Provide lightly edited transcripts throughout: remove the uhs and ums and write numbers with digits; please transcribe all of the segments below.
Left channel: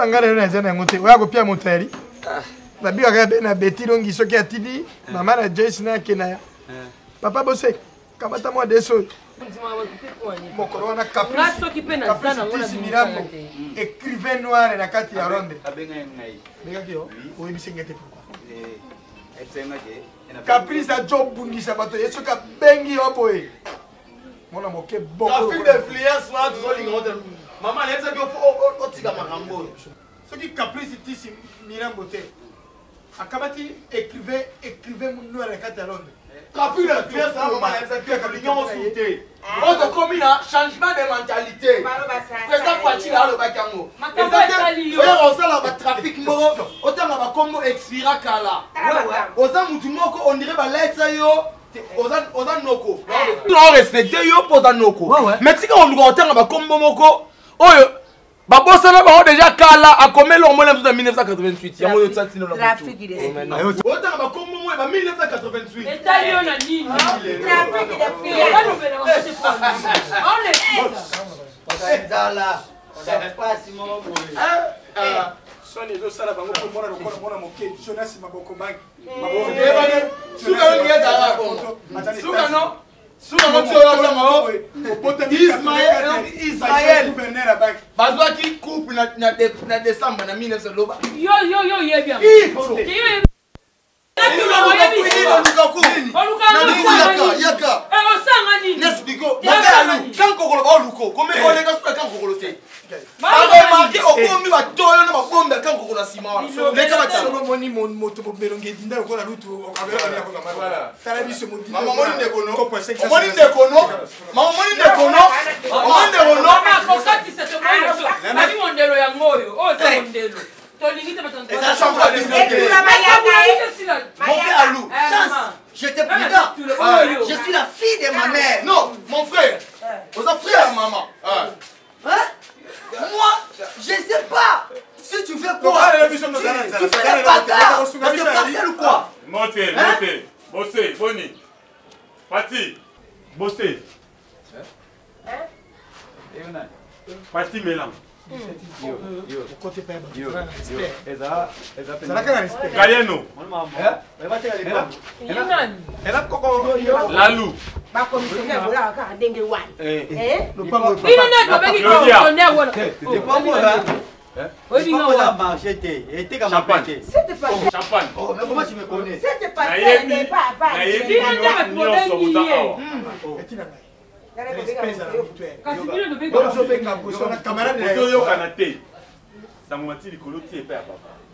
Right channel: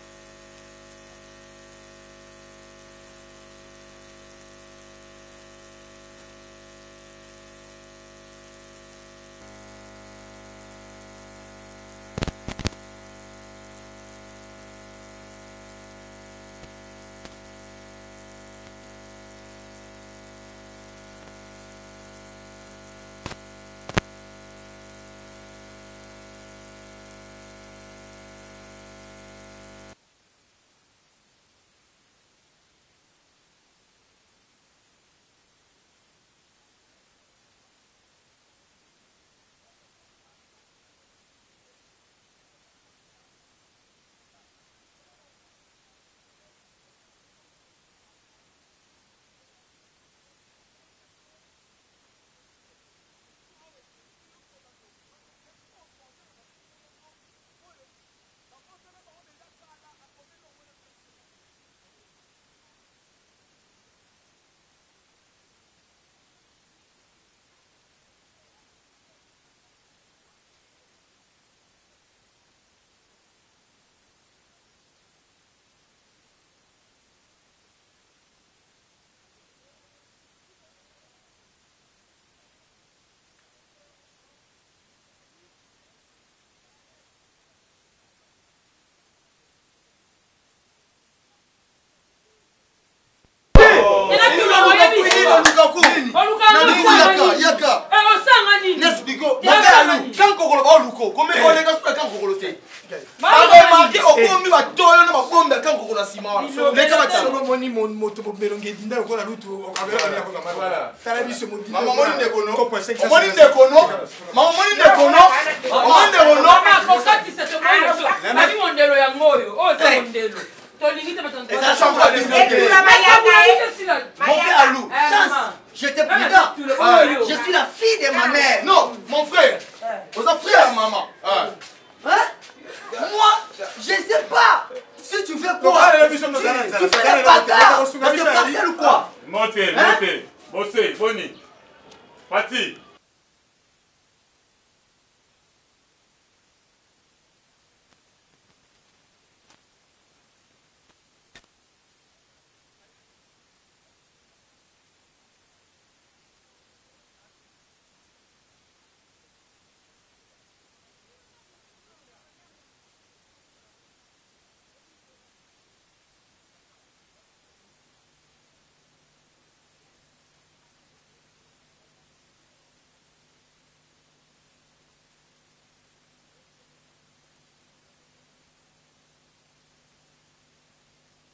na ngare na zana ngote oya ko pia motari na biwa ka be na beti longi soki atidi mama na Joyce na kena papa bose kamata mo deso mokoro wana caprice mirambo écrivain noir na kati ya ronde ndengaki yo oyebisengete caprice a job bungisa bato yeso ka bengi yo boye mona moke boko d'influence na tuzolinga ngote mama neza bio otika makambo soki caprice tisi mirambo te akabati écrivain noir na kati ya ronde caprice d'influence na mama neza bio kalinga mosuté oto komi na changement de mentalité président Fachi la alobaki yango oyo osala batrafic moko otanga bakombo expira kala oza mutu moko on dirait baletsa yo oza noko on respecte yo mpo oza noko mais tika oluka otanga bakombo moko oyo babosana bango déjà kala akomeli yango mona na 1988 yango oyo tsatino na mutu otanga bakombo moyo ba 1988 etali yo na nini dala pasi mo soni zo sala bango ko mona moke Jonas maboko bangi suka ngi dala ko suka no suka no tio la mao Ismaël bazwaki coupe na décembre na 1900 loba yo ye bien Mon frère Alou, chance, j'étais prudent. Je suis la fille de ma mère. Non, mon frère. Vous êtes frère à maman. Hein? Moi, je sais pas. Si tu fais quoi? Tu fais des bagarres. C'est parcelle ou quoi? Montez. Bossé, Bonnie. Pati. Bossé. Pati Mélan. Galiano. Lalou. Champagne. Oh, mais comment tu me connais? C'était pas ça.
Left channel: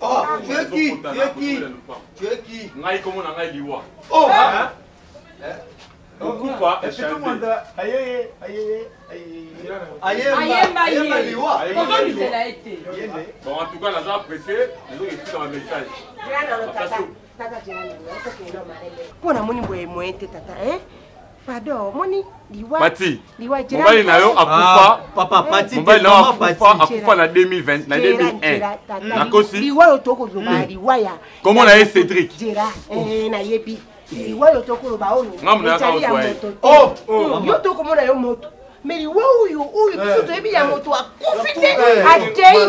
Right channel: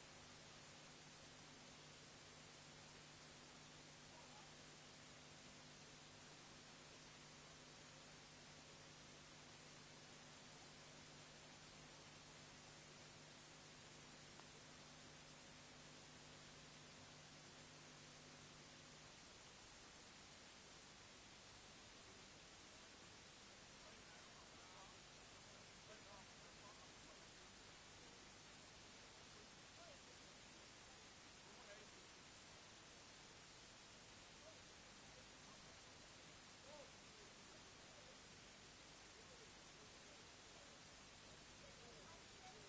Oh, tu es qui? Tu es qui? Oh, Okupa bon, en tout cas, la zone pressée, nous avons écrit dans le message. Pardon, moni liwa. Pati. Mobile na yo akufa. Papa, Pati. Mobile na yo akufa na 2020, na 2001. Na kosi. Liwa yo toko zoba liwa ya. Comment na ye Cédric? Jera na yebi. Liwa yo toko loba ono. Ngamu na ka moto. Oh, yo toko mona yo moto. Mais liwa uyu biso to yebi ya moto akufite atei.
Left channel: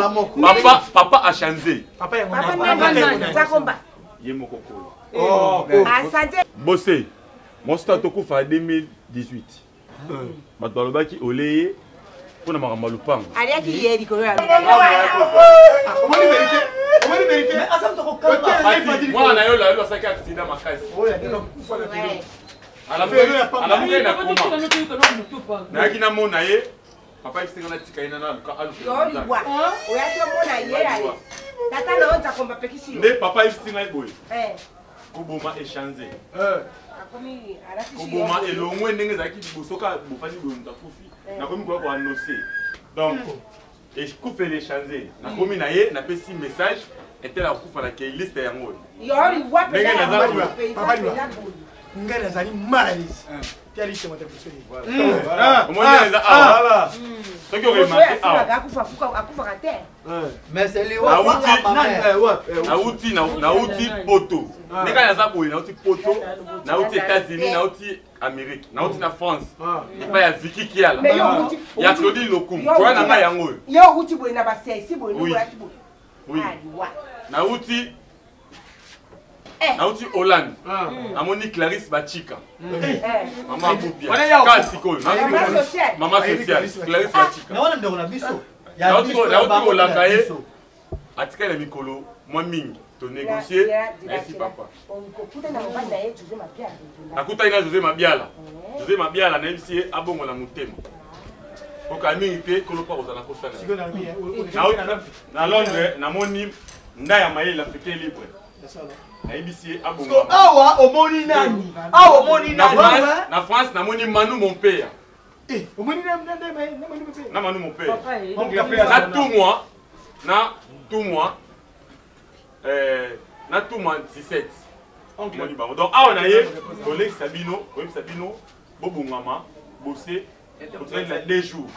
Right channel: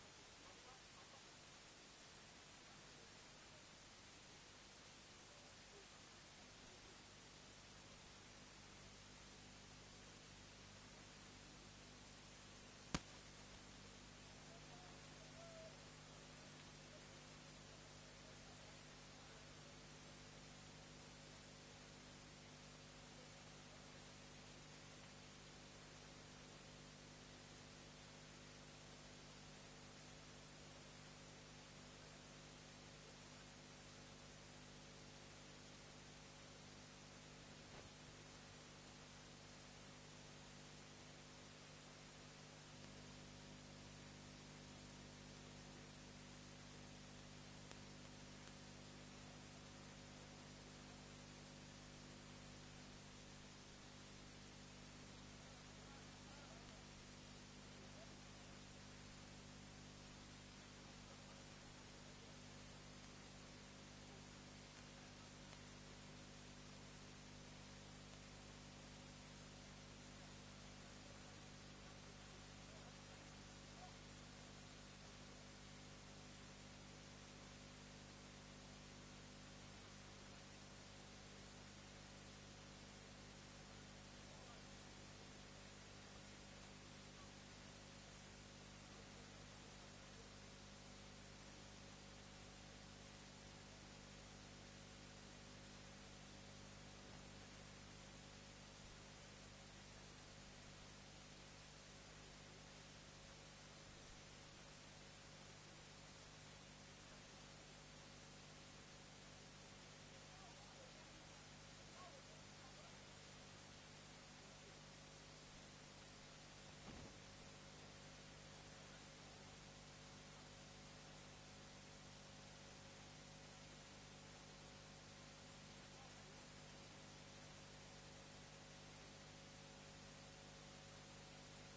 Papa a changé. Papa na zakomba. Ye mokoko. Oh, asante. Bossé. Mon stade au en 2018. Ma balobaki oleye pour na makambo lupanga. Alia ki yedi ko ya. Omoni vérité. Mais asam to ko kamba. Moi na yo la yo saki accident makasi. Oya dino kufa na tilo. Ala muke na koma. Na kina mona ye. Papa isinga na tika ina na luka alu. Yo liwa. Oya to mona ye ali. Tata na onza komba pekisi. Ne papa isinga iboy. Kuboma échanger. Kuboma elongwe ndenge zaki bosoka bofani bonza kufi. Na komi kwa annoncer. Donc et je coupe les changer. Na komi na ye na pesi message était la kufa na ke liste yango. Yo liwa pe. Papa liwa. Ngana zali malaise. Quelle liste moto pour voilà. Comment on a voilà. Ce qui aurait marqué mais c'est les na outil poto. Neka ya zaboy na outil poto, na outil États-Unis, na outil Amérique, na outil na France. Et pas ya Vicky qui a là. Ya Claudine Lokum. Quoi na nga yango. Yo outil boy na ba 6 boy no boy. Oui. Nauti Hollande. Amoni Clarisse Bachika. Maman Boubia. Maman sociale. Clarisse Bachika. Nauti Olakaye. Atika la mikolo. Moi mingi. To négocier. Merci papa. Nakuta ina José Mabiala. José Mabiala na MCA abongo na mutema. Oka mingi pe kolopa ozana kosana. Na Londres namoni ndaya mayela africain libre. Na IBC abongo. Awa omoni nani? Awa omoni nani? Na France namoni Manu mon père. omoni na Manu mon père. Na tout mois na tout mois 17. Donc awa na ye collègue Sabino, Bobo Mama, bosser pour traîner les jours.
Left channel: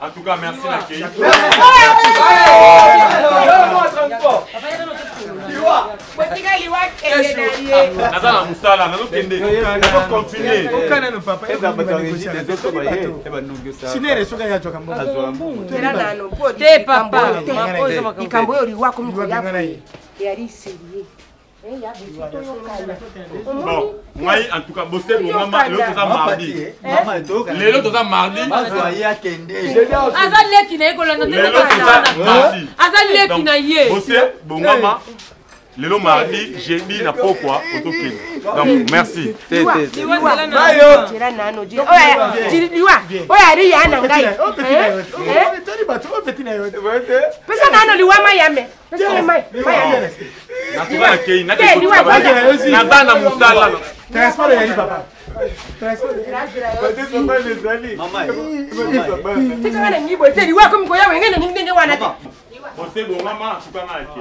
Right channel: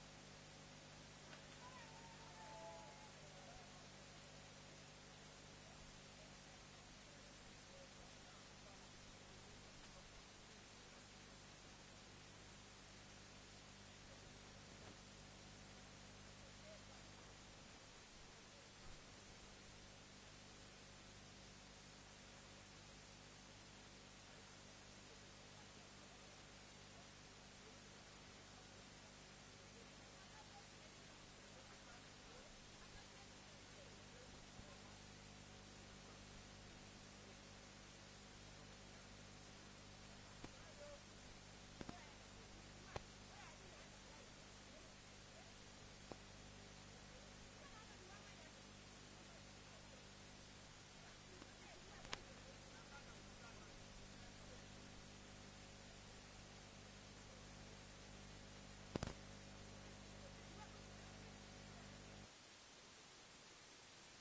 En tout cas, merci l'accueil. Nazala musala, nazo kende. Nazo continuer. okana no papa sinere soka ya choka mbo te papa ikambo yo liwa ko miko ya yari serie bon moi en tout cas bosser bon maman l'autre ça mardi l'autre mardi azaleki na ekola na azaleki na ye bosser bon maman le mardi jeudi na pourquoi autokene donc merci Você bom mama, super aqui.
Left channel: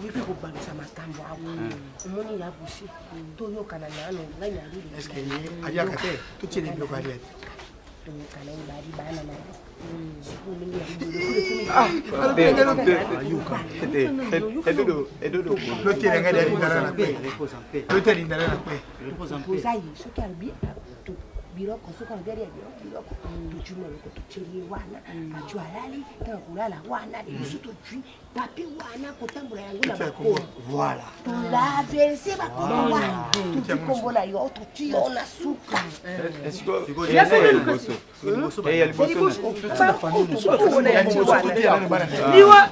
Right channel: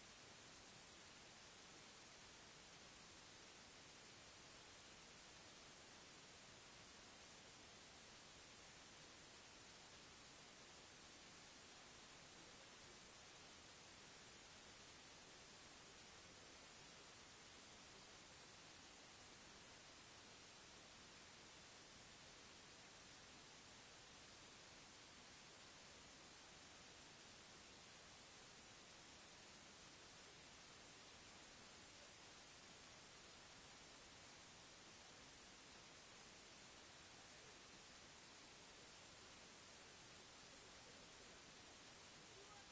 Vipi kubalisa matambo hapo. Umoni ya bushi. Toyo kana nano nganya lili. Est-ce que adia kate tout est bien quoi aller. Toyo kana ibadi bana na. Biroko soka ngari ya biroko tuchuma ko tuchiri wana pachwa lali tena kulala wana lisuto tui papi wana kotambula yangu na bako voilà la verse ba kwa tukombola yo tuchiona suka ya liboso ya liboso tutsa famille suka ya liboso liwa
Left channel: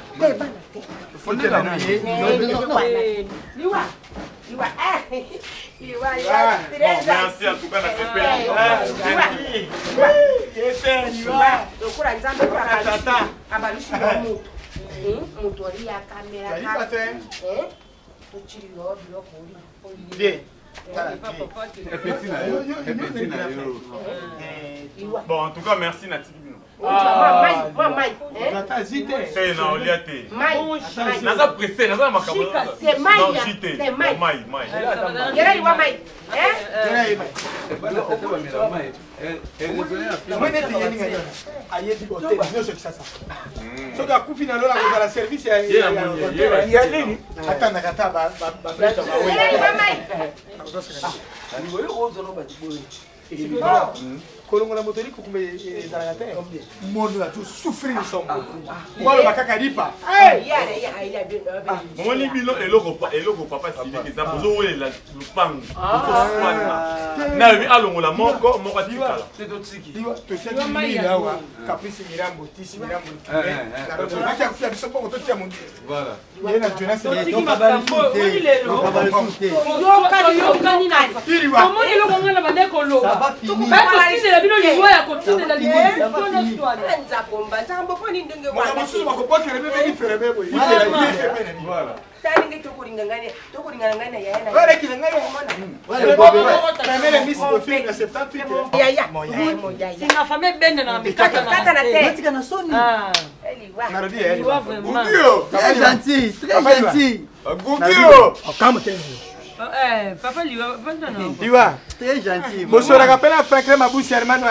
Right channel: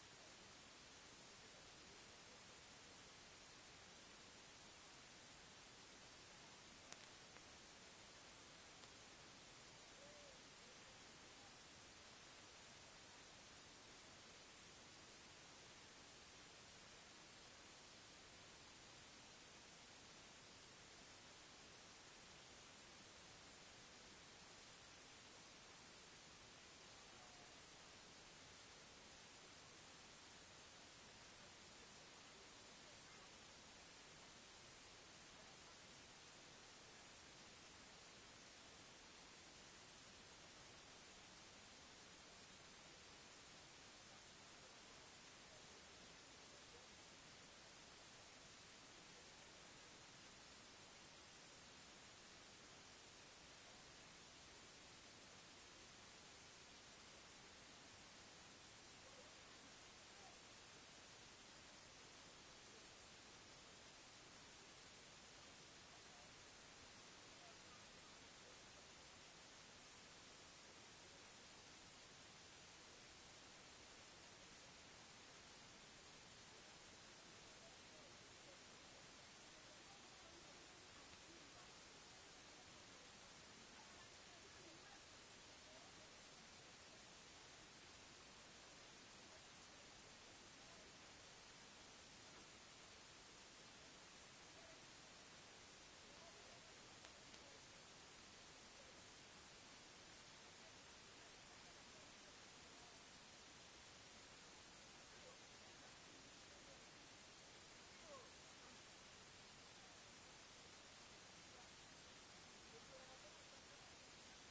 fonde na liwa Merci en tout cas na bon, en tout cas, merci Nathalie. Naza pressé, naza makabo. C'est Maï. C'est Maï. kolongola motori kukumbe ezalaka te mondo na tout souffrir son ngolo bakaka lipa moni bino eloko papa siliki za bozo welela lupangu na bi alongola moko tikala to seki mira wa caprice mirambo tisi mirambo na roto bakia kufia biso poko to tia mundi voilà yena jeunesse yo kani na komoni eloko ngala bandeko lo tukubakotindela bino liwa ya kotindela liwa nzambo poni ndenge wana mususu bakopokele bebe ifere bebo voilà talinge tokuringana yana wale kilangana wale mele miss bofin na 78 ya singa fame bende na mikata na te tika na soni Très gentil, très gentil. Papa Liwa, Liwa. Très gentil. Bonsoir, je rappelle à Franklin Mabousse, Hermano.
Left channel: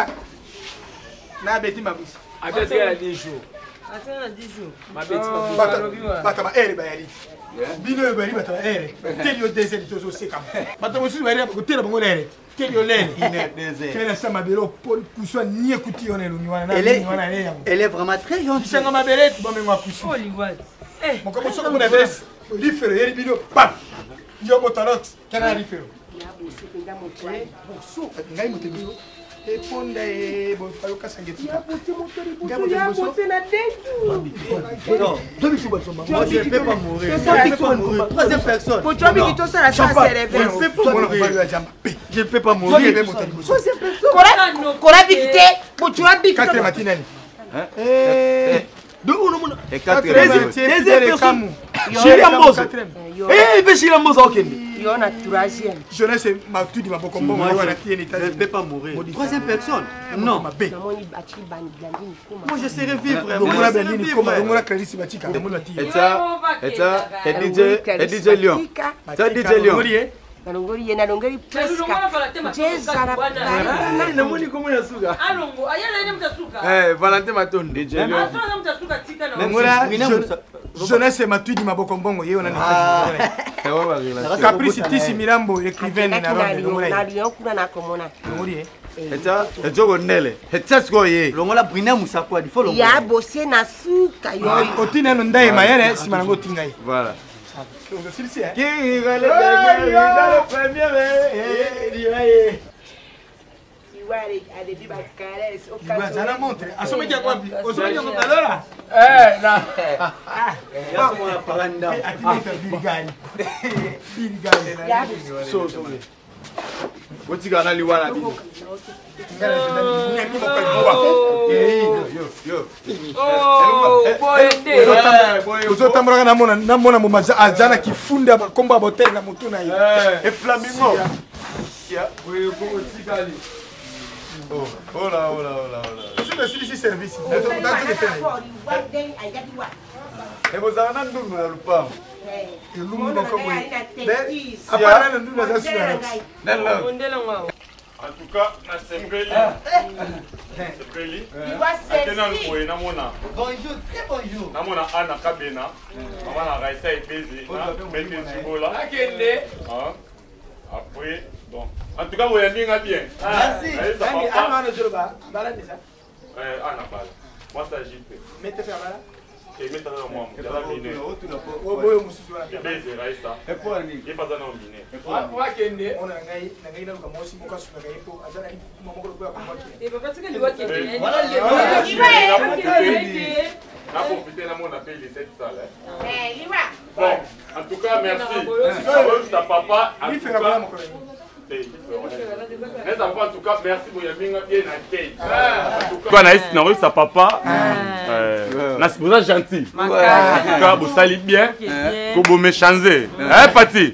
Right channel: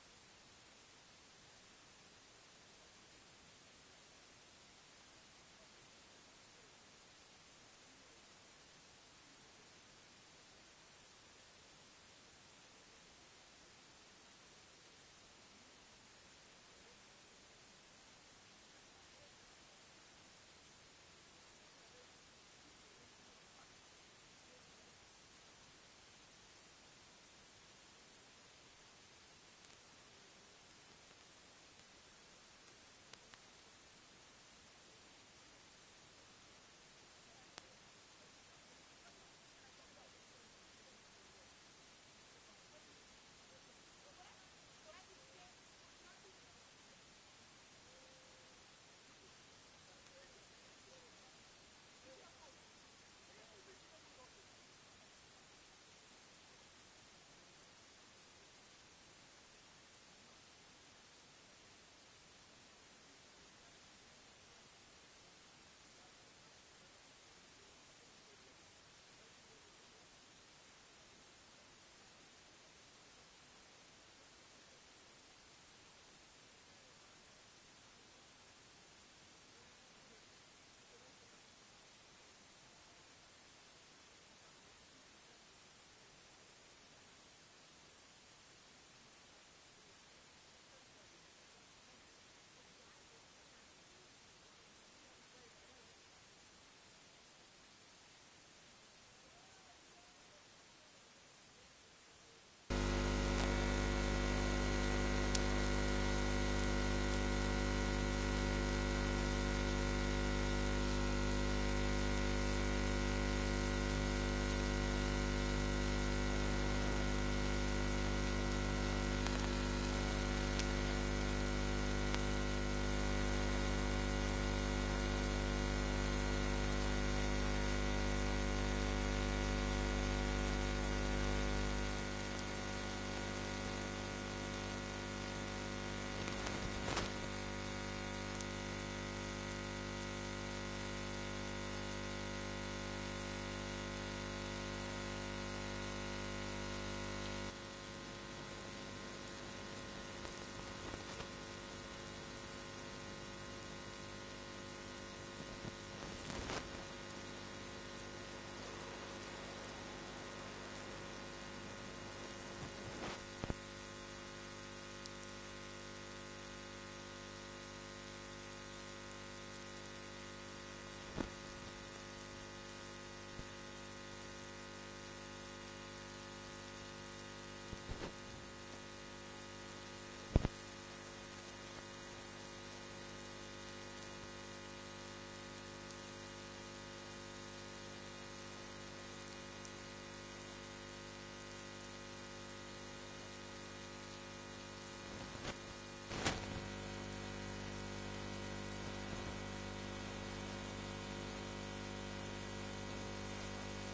Na Betty Mabousse. Avec elle a 10 jours. Attends, 10 jours. Ma Betty Batama, elle est bayali. Bino bari batama, elle. Telio désel, tozo sekam. Batama, si vous avez un côté de mon air. Telio l'air. Quelle est ça, ma belle, pour que ni écouter, on est l'union. Elle est vraiment très gentille. C'est ma belle, tu vas me voir coucher. Oh, Liwa. Mon comme ça, mon adresse. L'ifere, elle est bino. Pam. Yo, mon talent. Quel est l'ifere? Ngai motebiso eponda bon falo kasangeti Moi, je ne peux pas mourir. Troisième personne. Je ne peux pas mourir. Jeunesse Matudi Maboko Mbongo wana tieni Je ne peux pas mourir. Troisième personne. Non. Moi je serai vivre. Ngona Berlin koma ngona Clarisse Batika ngona ti. Et DJ Lion. Ça DJ Lion. Nalongoli yena longoli preska. Namoni comment ya suka. Alongo, ayana ina mtasuka. Valentin Maton DJ Lion. Asana mtasuka tika na. Ngona Jeunesse Matudi Maboko Mbongo ye ona ni. Caprice Tisi Mirambo écrivaine na ronde ngona. Na Lion kuna na komona. Ngori Et Jogo Nele. Et Tsaskoye. Longola Brina Musakwa di follow. Ya bossé na suka yo. Otina no ndai mayere simango tingai. Voilà. Qui va le premier Zana montre. Asome kia kwa. Osome kia kwa lora. na. Ya somo na paranda. Biligani. So. Botika na liwana. Ozotambola namona mumaza azana kifunda makomba botel na mutu na ye. Et flamingo. Oh là. C'est le service. Et vous avez un double dans le pas. En tout cas, na sepeli. Sepeli. Akena nkoye namona. Bonjour, très bonjour. Namona Ana Kabena. Namona Raisa Ebezi. Bende Chibola. Akende. Après, bon. En tout cas, vous avez bien. Merci. Ana Bala. Moi, ça agite. Mettez ça là. Et mettez ça moi. Ebezi Raisa. Et pour Annie. Il n'est pas dans le mine. Akende. On a ngai na kwa mosi muka suka ngai po azana ni mamoko kwa kwa. Et papa tika Liwa kende. On a profité de mon appel, il était ça là. Bon, en tout cas, merci. Ta papa, en tout cas. En tout cas, merci pour bien accueilli. En tout cas, on a sa papa. Vous êtes gentil. En tout cas, vous salez bien. Que vous me changez. Hein, Pati?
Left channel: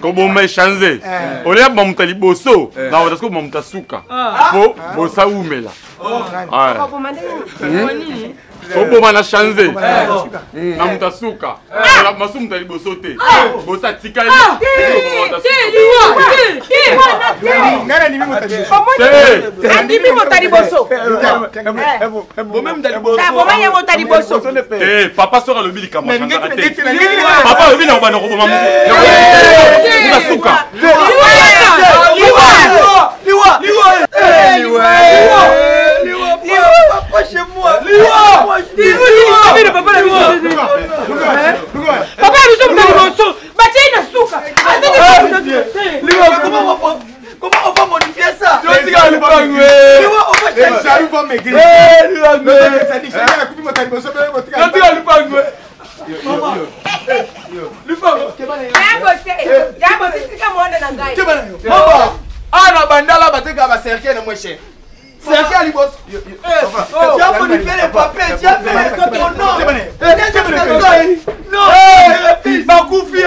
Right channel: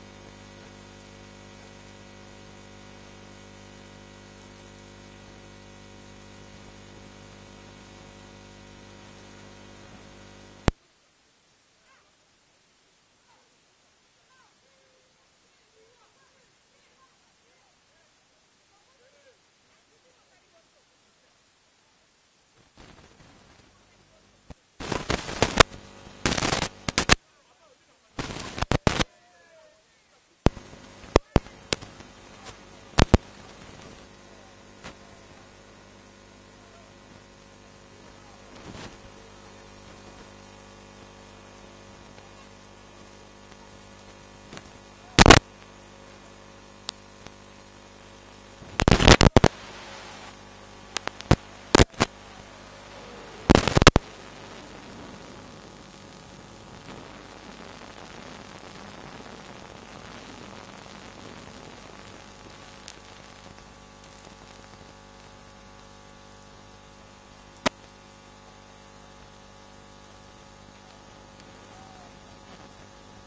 Que vous me changez. On est à Mamtali Bosso. Dans votre Mamtasuka. Pour ça, où me là. Opo mana changé. Na mutasuka. La masu mutali bosote. Bosa tikali. Ngana ni mimi mutali. Andi mimi mutali boso. Bon même dans le bosso. Bon même mutali boso. Papa sera le bili kama. Papa le bili na bana ko mamu. Mutasuka. Papa chez moi. Liwa. Papa, nous sommes dans le morceau. Comment on va modifier ça? Serquel boss. Tu as modifié les papiers, tu as fait ton nom. Non, il va confier.